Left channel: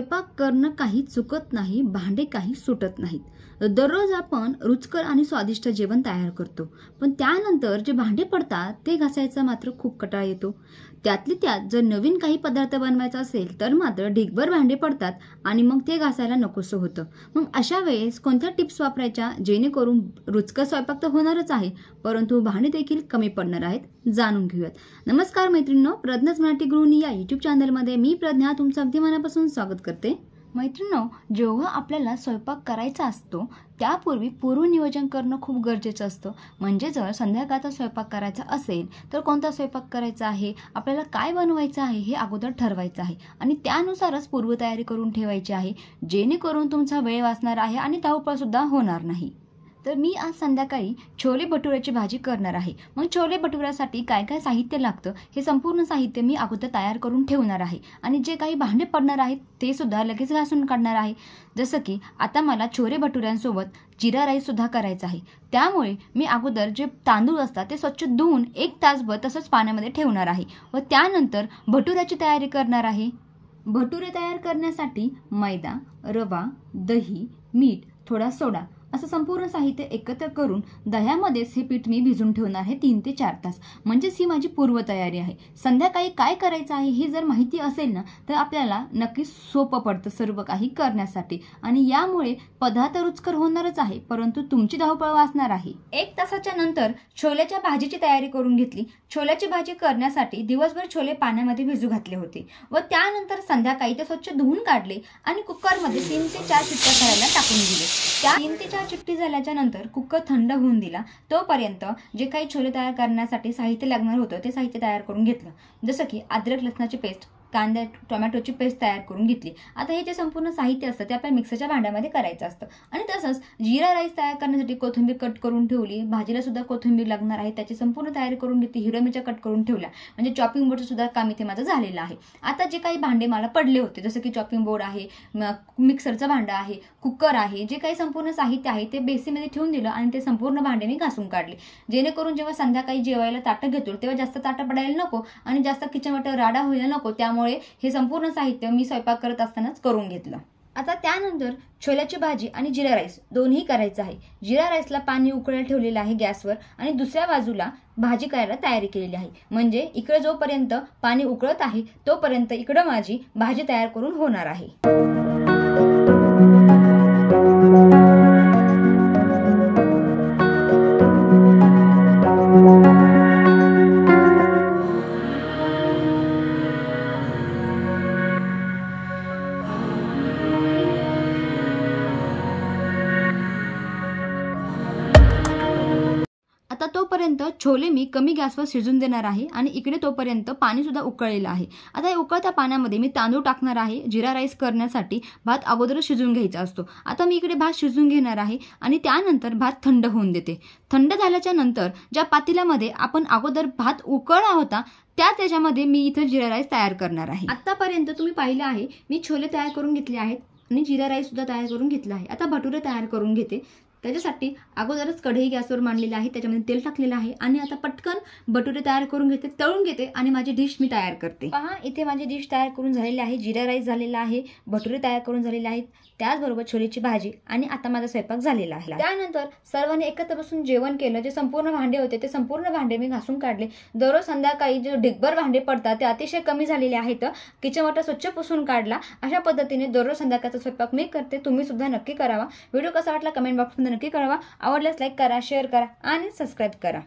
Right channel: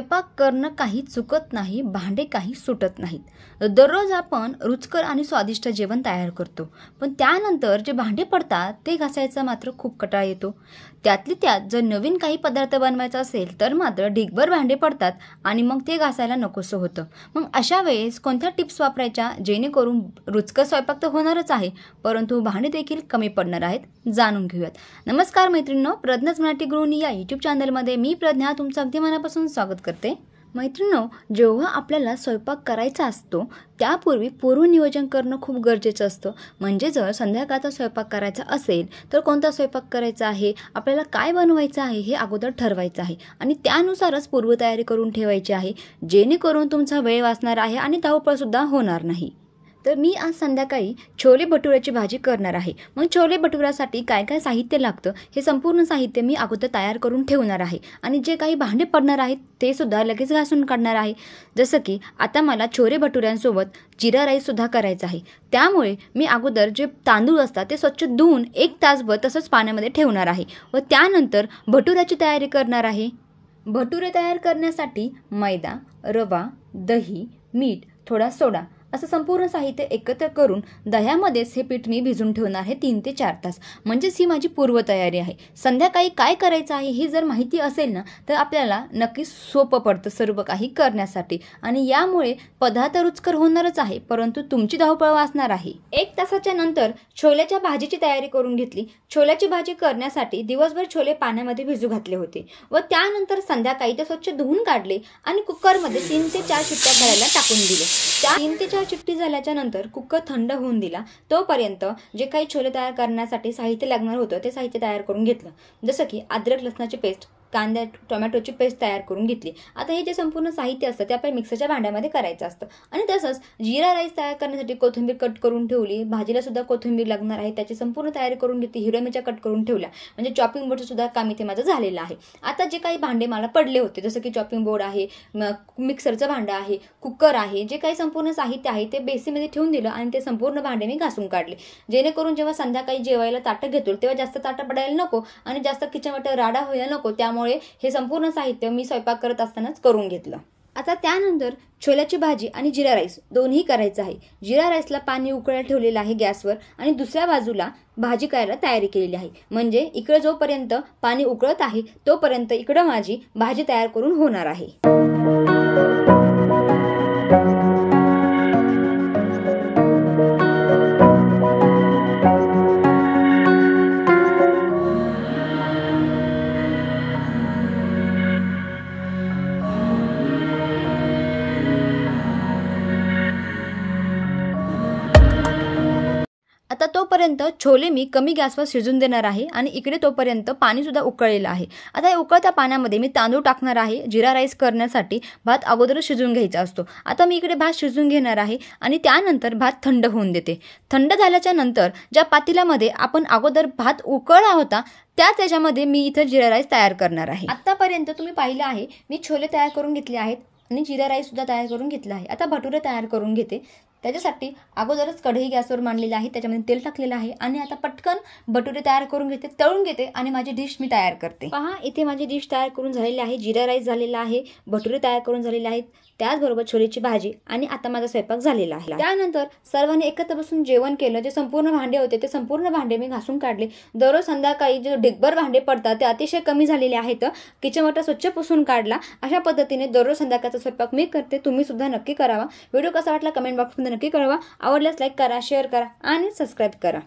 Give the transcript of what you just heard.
स्वयंपाक करणं काही चुकत नाही, भांडे काही सुटत नाहीत। दररोज आपण रुचकर आणि स्वादिष्ट जेवण तयार करतो, पण त्यानंतर जे भांडे पडतात ते घासायचा मात्र खूप कंटाळा येतो। त्यातली त्यात जर नवीन काही पदार्थ बनवायचा असेल तर मात्र ढिगभर भांडे पडतात आणि मग ते घासायला नकोसं होतं। मग अशा वेळेस कोणत्या टिप्स वापरायच्या जेणेकरून रुचकर स्वयंपाक तर होणारच आहे, परंतु भांडे देखील कमी पडणार आहेत, जाणून घेऊयात। नमस्कार मैत्रिणींनो, प्रज्ञाच मराठी गृहिणी या यूट्यूब चॅनलमध्ये मी प्रज्ञा तुमचं अगदी मनापासून स्वागत करते। मैत्रिणींनो, जेव्हा आपल्याला स्वयंपाक करायचा असतो त्यापूर्वी पूर्वनियोजन करणं खूप गरजेचं असतं। म्हणजे जर संध्याकाळचा स्वयंपाक करायचा असेल तर कोणता स्वयंपाक करायचा आहे, आपल्याला काय बनवायचं आहे हे अगोदर ठरवायचं आहे आणि त्यानुसारच पूर्वतयारी करून ठेवायची आहे, जेणेकरून तुमचा वेळ वाचणार आहे आणि धावपळ सुद्धा होणार नाही। तर मी आज संध्याकाळी छोले भटुऱ्याची भाजी करणार आहे। मग छोले भटुऱ्यासाठी काय काय साहित्य लागतं हे संपूर्ण साहित्य मी अगोदर तयार करून ठेवणार आहे आणि जे काही भांडे पडणार आहेत ते सुद्धा लगेच घासून काढणार आहे। जसं की आता मला छोले भटुऱ्यांसोबत जिरा राईस सुद्धा करायचा आहे, त्यामुळे मी अगोदर जे तांदूळ असतात ते स्वच्छ धुवून 1 तासभर तसंच पाण्यामध्ये ठेवणार आहे व त्यानंतर भटुऱ्याची तयारी करणार आहे। भटुरे तयार करण्यासाठी मैदा, रवा, दही, मीठ, थोडा सोडा असं संपूर्ण साहित्य एकत्र करून दह्यामध्येच हे पीठ मी भिजून ठेवणार आहे 3 ते 4 तास। म्हणजेच ही माझी पूर्वतयारी आहे। संध्याकाळी काय करायचं आहे हे जर माहिती असेल ना तर आपल्याला नक्कीच सोपं पडतं सर्व काही करण्यासाठी आणि यामुळे पदार्थ रुचकर होणारच आहे, परंतु तुमची धावपळ वाचणार आहे। 1 तासाच्या नंतर छोल्याच्या भाजीची तयारी करून घेतली। छोल्याची भाजी करण्यासाठी दिवसभर छोले पाण्यामध्ये भिजू घातले होते व त्यानंतर संध्याकाळी ते स्वच्छ धुवून काढले आणि कुकरमध्ये 3 ते 4 शिट्ट्या करायला टाकून दिले। त्या 3 ते 4 शिट्टी झाल्याच्या नंतर कुकर थंड होऊन दिला, तोपर्यंत जे काही छोले तयार करण्यासाठी साहित्य लागणार होतं ते साहित्य तयार करून घेतलं। जसं की अद्रक लसणाची पेस्ट, कांदा टोमॅटोची पेस्ट तयार करून घेतली। आता हे जे संपूर्ण साहित्य असतं ते आपल्या मिक्सरच्या भांड्यामध्ये करायचं असतं आणि तसंच जिरा राईस तयार करण्यासाठी कोथिंबीर कट करून ठेवली, भाजीला सुद्धा कोथिंबीर लागणार आहे त्याची संपूर्ण तयारी करून घेतली, हिरव्या मिरच्या कट करून ठेवल्या, म्हणजे चॉपिंग बोर्डचं सुद्धा काम इथे माझं झालेलं आहे। आता जे काही भांडे मला पडले होते जसं की चॉपिंग बोर्ड आहे, मिक्सरचं भांडं आहे, कुकर आहे, जे काही संपूर्ण साहित्य आहे ते बेसिनमध्ये ठेवून दिलं आणि ते संपूर्ण भांडे मी घासून काढले, जेणेकरून जेव्हा संध्याकाळी जेवायला ताटं घेतो तेव्हा जास्त ताटं पडायला नको आणि जास्त किचनवाट्यावर राडा व्हायला नको, त्यामुळे हे संपूर्ण साहित्य मी स्वयंपाक करत असतानाच करून घेतलं। आता त्यानंतर छोल्याची भाजी आणि जिरा राईस दोन्ही करायचं आहे। जिरा राईसला पाणी उकळायला ठेवलेलं आहे गॅसवर आणि दुसऱ्या बाजूला भाजी करायला तयारी केलेली आहे, म्हणजे इकडे जोपर्यंत पाणी उकळत आहे तोपर्यंत इकडे माझी भाजी तयार करून होणार आहे। आता तोपर्यंत छोले मी कमी गॅसवर शिजून देणार आहे आणि इकडे तोपर्यंत पाणी सुद्धा उकळलेलं आहे। आता या उकळत्या पाण्यामध्ये मी तांदूळ टाकणार आहे। जिरा राईस करण्यासाठी भात अगोदरच शिजून घ्यायचा असतो। आता मी इकडे भात शिजून घेणार आहे आणि त्यानंतर भात थंड होऊन देते। थंड झाल्याच्या नंतर ज्या पातेल्यामध्ये आपण अगोदर भात उकळला होता त्याच्यामध्ये मी इथं जिरा राईस तयार करणार आहे। आतापर्यंत तुम्ही पाहिलं आहे मी छोले तयार करून घेतले आहेत आणि जिरा राईस सुद्धा तयार करून घेतला आहे। आता भटुरे तयार करून घेते। त्याच्यासाठी अगोदरच कढई गॅसवर मांडलेली आहे, त्याच्यामध्ये तेल टाकलेलं आहे आणि आता पटकन भटुरे तयार करून घेते, तळून घेते आणि माझी डिश मी तयार करते। पहा, इथे माझी डिश तयार करून झालेली आहे, जिरा राईस झालेला आहे, भटुरे तयार करून झालेले आहेत, त्याचबरोबर छोलेची भाजी आणि आता माझा स्वयंपाक झालेला आहे। त्यानंतर सर्वांनी एकत्र बसून जेवण केलं। जे संपूर्ण भांडे होते ते संपूर्ण भांडे मी घासून काढले। दररोज संध्याकाळी जे ढिगभर भांडे पडतात ते अतिशय कमी झालेले आहेत, किचन वाटा स्वच्छ पुसून काढला। अशा पद्धतीने दररोज संध्याकाळचा स्वयंपाक मी करते, तुम्ही सुद्धा नक्की करावा। व्हिडिओ कसा वाटला कमेंट बॉक्समध्ये नक्की कळवा। आवडल्यास लाईक करा, शेअर करा आणि सबस्क्राईब करा।